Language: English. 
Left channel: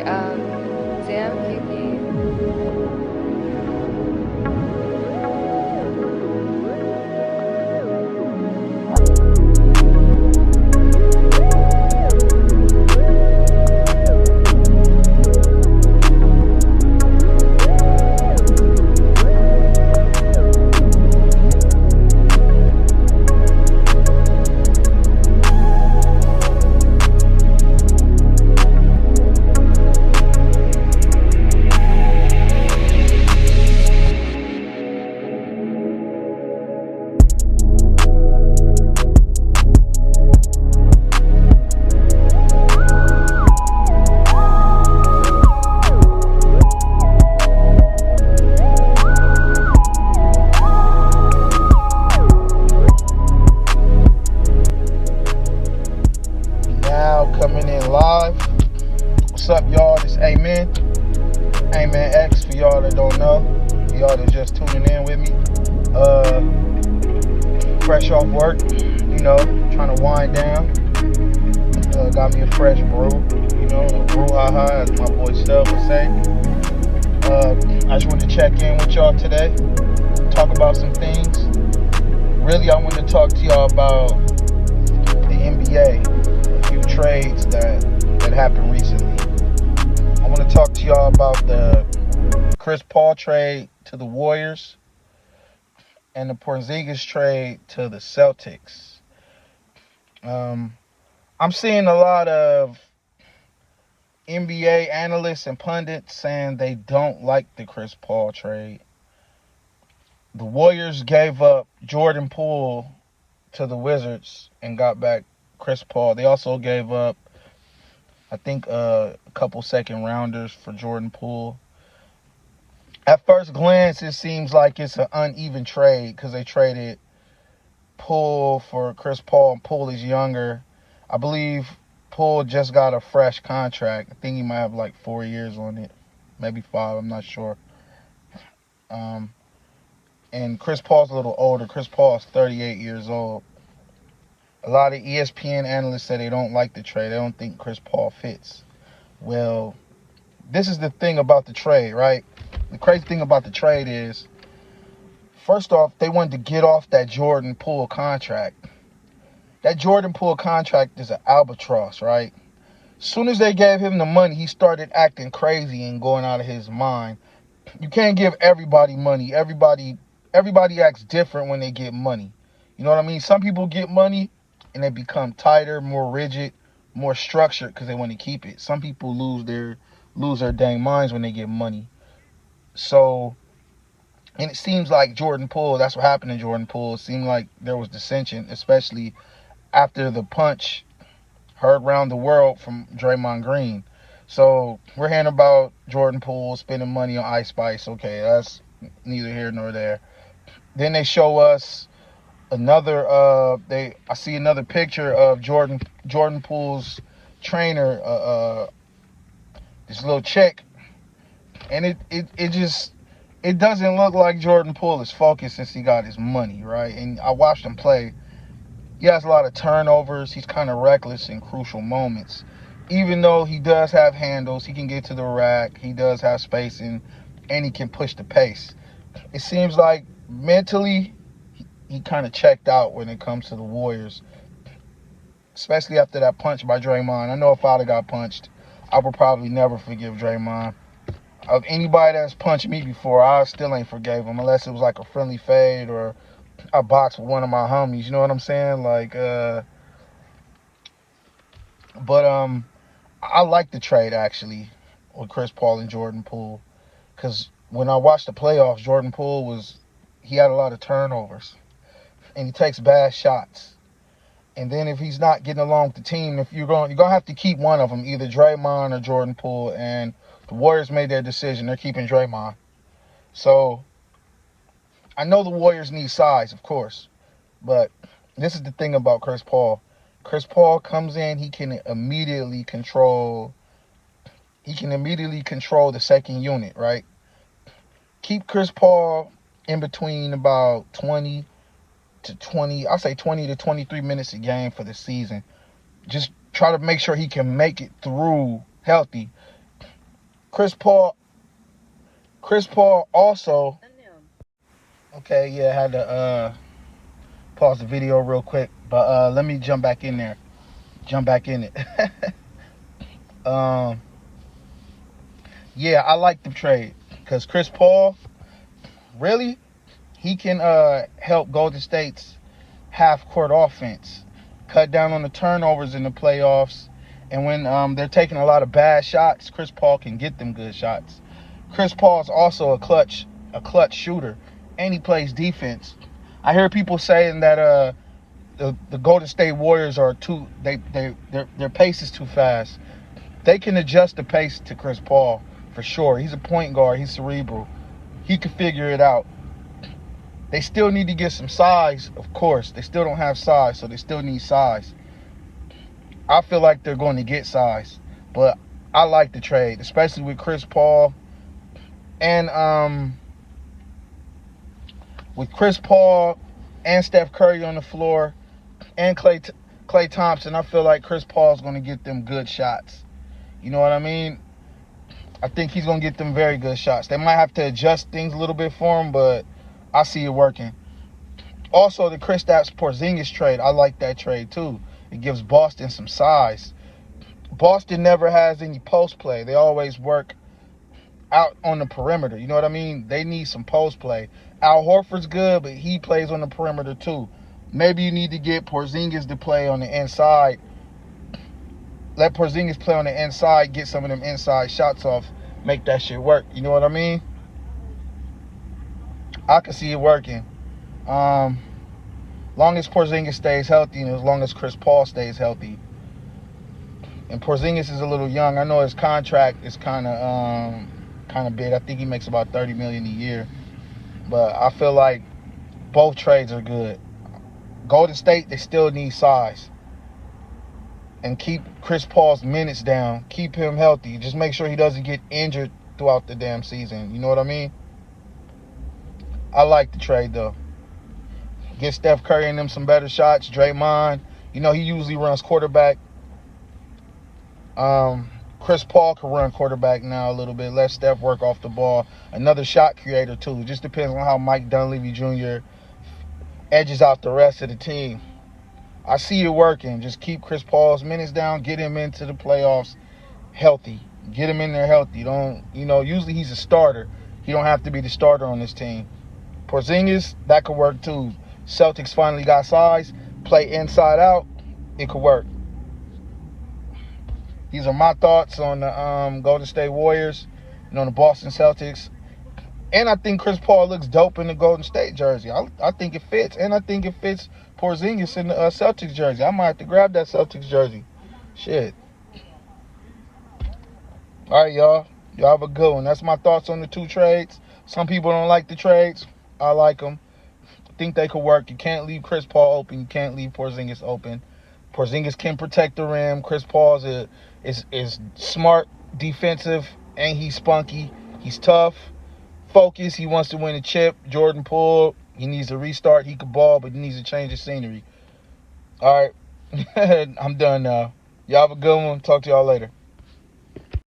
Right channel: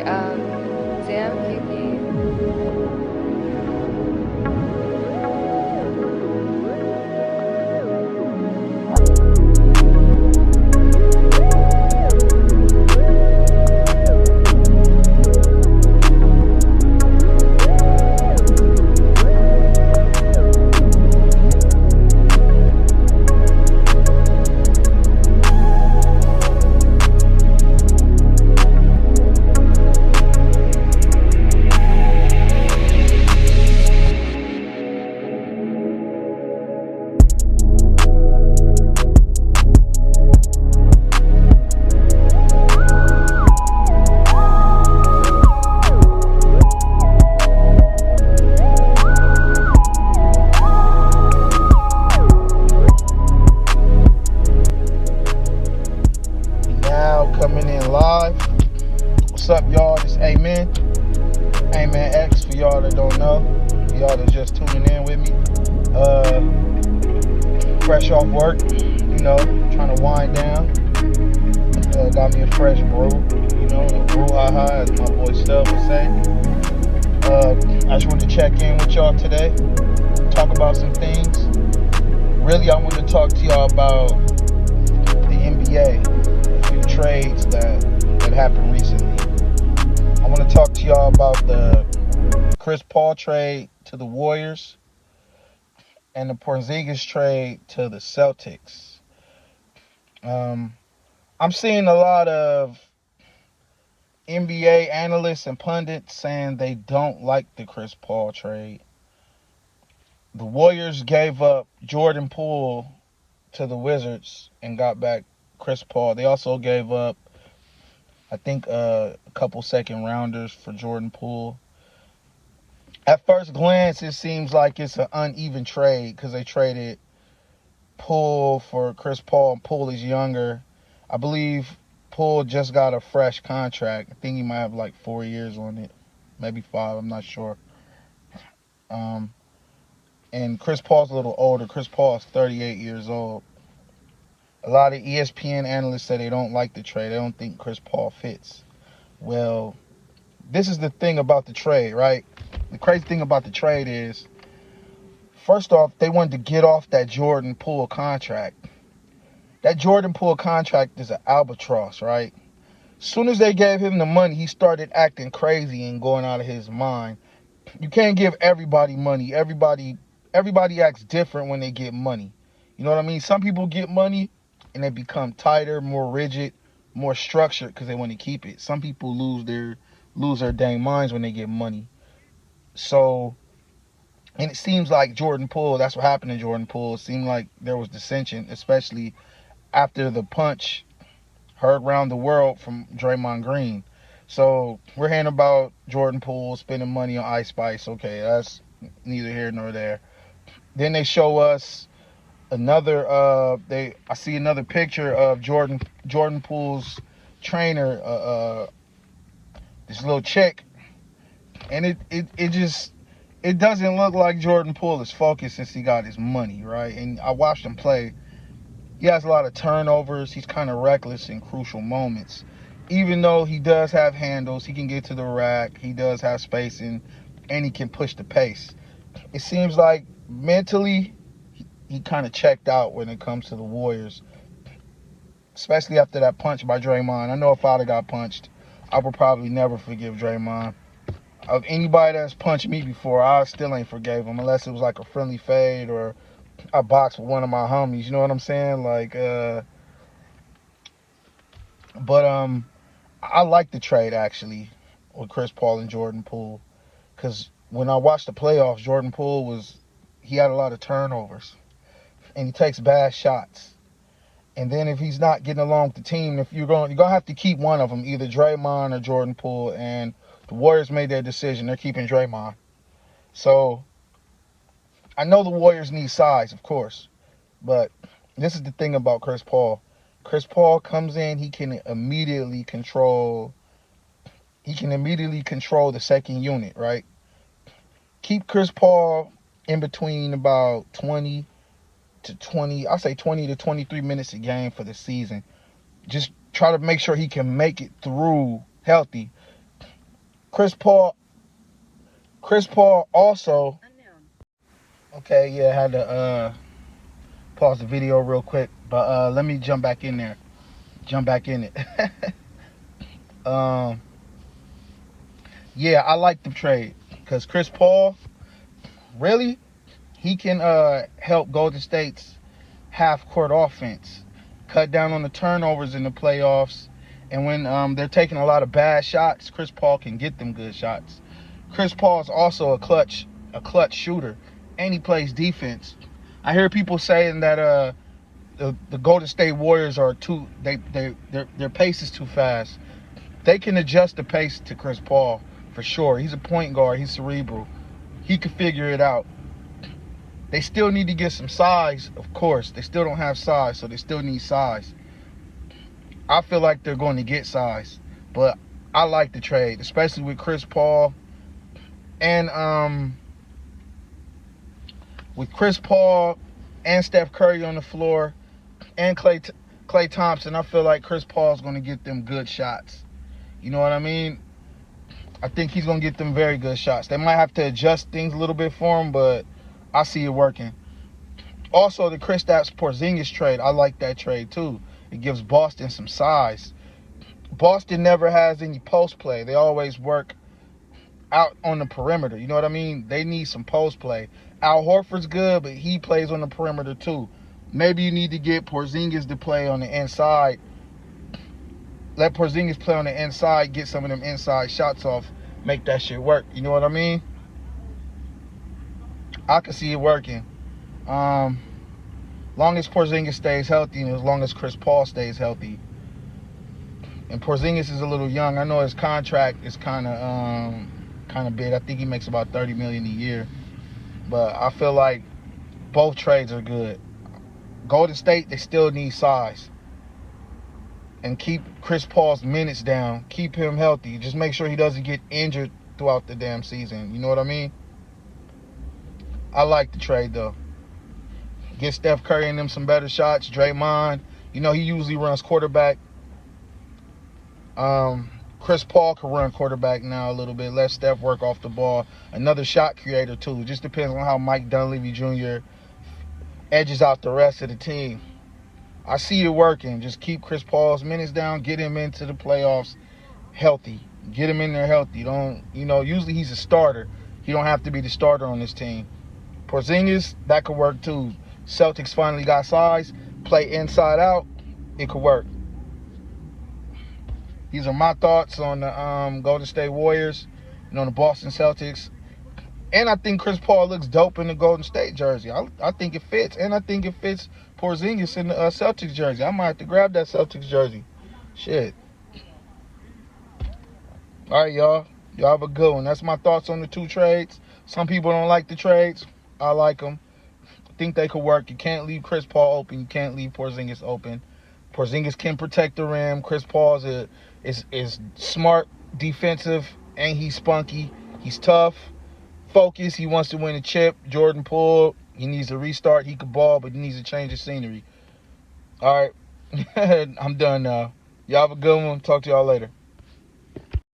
Okay, damn Kiki. Now coming in live. What's up, y'all? This Amen. Amen X for y'all that don't know. For y'all that's just tuning in with me. Fresh off work, trying to wind down. Got me a fresh brew, a brouhaha, as my boy Stub would say. I just wanted to check in with y'all today, talk about some things. Really, I want to talk to y'all about the NBA, a few trades that happened recently. I want to talk to y'all about the Chris Paul trade to the Warriors and the Porziņģis trade to the Celtics. I'm seeing a lot of NBA analysts and pundits saying they don't like the Chris Paul trade. The Warriors gave up Jordan Poole to the Wizards and got back Chris Paul. They also gave up, I think, a couple second rounders for Jordan Poole. At first glance, it seems like it's an uneven trade because they traded Poole for Chris Paul, and Poole is younger. I believe Poole just got a fresh contract. I think he might have like 4 years on it, maybe 5, I'm not sure. And Chris Paul's a little older. Chris Paul is 38 years old. A lot of ESPN analysts say they don't like the trade. They don't think Chris Paul fits. Well, this is the thing about the trade, right? The crazy thing about the trade is, first off, they wanted to get off that Jordan Poole contract. That Jordan Poole contract is an albatross, right? As soon as they gave him the money, he started acting crazy and going out of his mind. You can't give everybody money. Everybody acts different when they get money. You know what I mean? Some people get money and they become tighter, more rigid, more structured because they want to keep it. Some people lose their dang minds when they get money. So, and it seems like Jordan Poole, that's what happened to Jordan Poole. It seemed like there was dissension, especially after the punch heard around the world from Draymond Green. So we're hearing about Jordan Poole spending money on Ice Spice. Okay, that's neither here nor there. Then they show us another, I see another picture of Jordan Poole's trainer, this little chick. And it doesn't look like Jordan Poole is focused since he got his money, right? And I watched him play. He has a lot of turnovers. He's kind of reckless in crucial moments. Even though he does have handles, he can get to the rack, he does have spacing, and he can push the pace. It seems like mentally, he kind of checked out when it comes to the Warriors, especially after that punch by Draymond. I know if I'd have got punched, I would probably never forgive Draymond. Of anybody that's punched me before, I still ain't forgave him unless it was like a friendly fade or a box with one of my homies. You know what I'm saying? I like the trade actually with Chris Paul and Jordan Poole, because when I watched the playoffs, Jordan Poole he had a lot of turnovers and he takes bad shots. And then if he's not getting along with the team, you're gonna have to keep one of them, either Draymond or Jordan Poole. And the Warriors made their decision. They're keeping Draymond. So I know the Warriors need size, of course, but this is the thing about Chris Paul. Chris Paul comes in, he can immediately control the second unit, right? Keep Chris Paul in between about 20 to 23 minutes a game for the season. Just try to make sure he can make it through healthy. Chris Paul also. Okay, yeah, I had to pause the video real quick, but let me jump back in there. Jump back in it. Yeah, I like the trade because Chris Paul, really, he can help Golden State's half-court offense, cut down on the turnovers in the playoffs, and when they're taking a lot of bad shots, Chris Paul can get them good shots. Chris Paul is also a clutch shooter, and he plays defense. I hear people saying that the Golden State Warriors are their pace is too fast. They can adjust the pace to Chris Paul for sure. He's a point guard. He's cerebral. He can figure it out. They still need to get some size, of course. They still don't have size, so they still need size. I feel like they're going to get size, but I like the trade, especially with Chris Paul and Steph Curry on the floor and Klay Thompson. I feel like Chris Paul's going to get them good shots. You know what I mean? I think he's going to get them very good shots. They might have to adjust things a little bit for him, but I see it working. Also, the Kristaps Porziņģis trade, I like that trade too. It gives Boston some size. Boston never has any post play. They always work out on the perimeter. You know what I mean? They need some post play. Al Horford's good, but he plays on the perimeter too. Maybe you need to get Porziņģis to play on the inside. Let Porziņģis play on the inside, get some of them inside shots off, make that shit work. You know what I mean? I can see it working. Long as Porziņģis stays healthy and as long as Chris Paul stays healthy. And Porziņģis is a little young. I know his contract is kind of big. I think he makes about $30 million a year. But I feel like both trades are good. Golden State, they still need size. And keep Chris Paul's minutes down. Keep him healthy. Just make sure he doesn't get injured throughout the damn season. You know what I mean? I like the trade, though. Get Steph Curry and them some better shots. Draymond, you know, he usually runs quarterback. Chris Paul can run quarterback now a little bit. Let Steph work off the ball. Another shot creator, too. It just depends on how Mike Dunleavy Jr. edges out the rest of the team. I see it working. Just keep Chris Paul's minutes down. Get him into the playoffs healthy. Get him in there healthy. Usually he's a starter. He don't have to be the starter on this team. Porziņģis, that could work too. Celtics finally got size. Play inside out. It could work. These are my thoughts on the Golden State Warriors and on the Boston Celtics. And I think Chris Paul looks dope in the Golden State jersey. I think it fits. And I think it fits Porziņģis in the Celtics jersey. I might have to grab that Celtics jersey. Shit. All right, y'all. Y'all have a good one. That's my thoughts on the two trades. Some people don't like the trades. I like them. I think they could work. You can't leave Chris Paul open. You can't leave Porziņģis open. Porziņģis can protect the rim. Chris Paul is smart, defensive, and he's spunky. He's tough, focused. He wants to win a chip. Jordan Poole, he needs to restart. He could ball, but he needs to change the scenery. All right. I'm done now. Y'all have a good one. Talk to y'all later.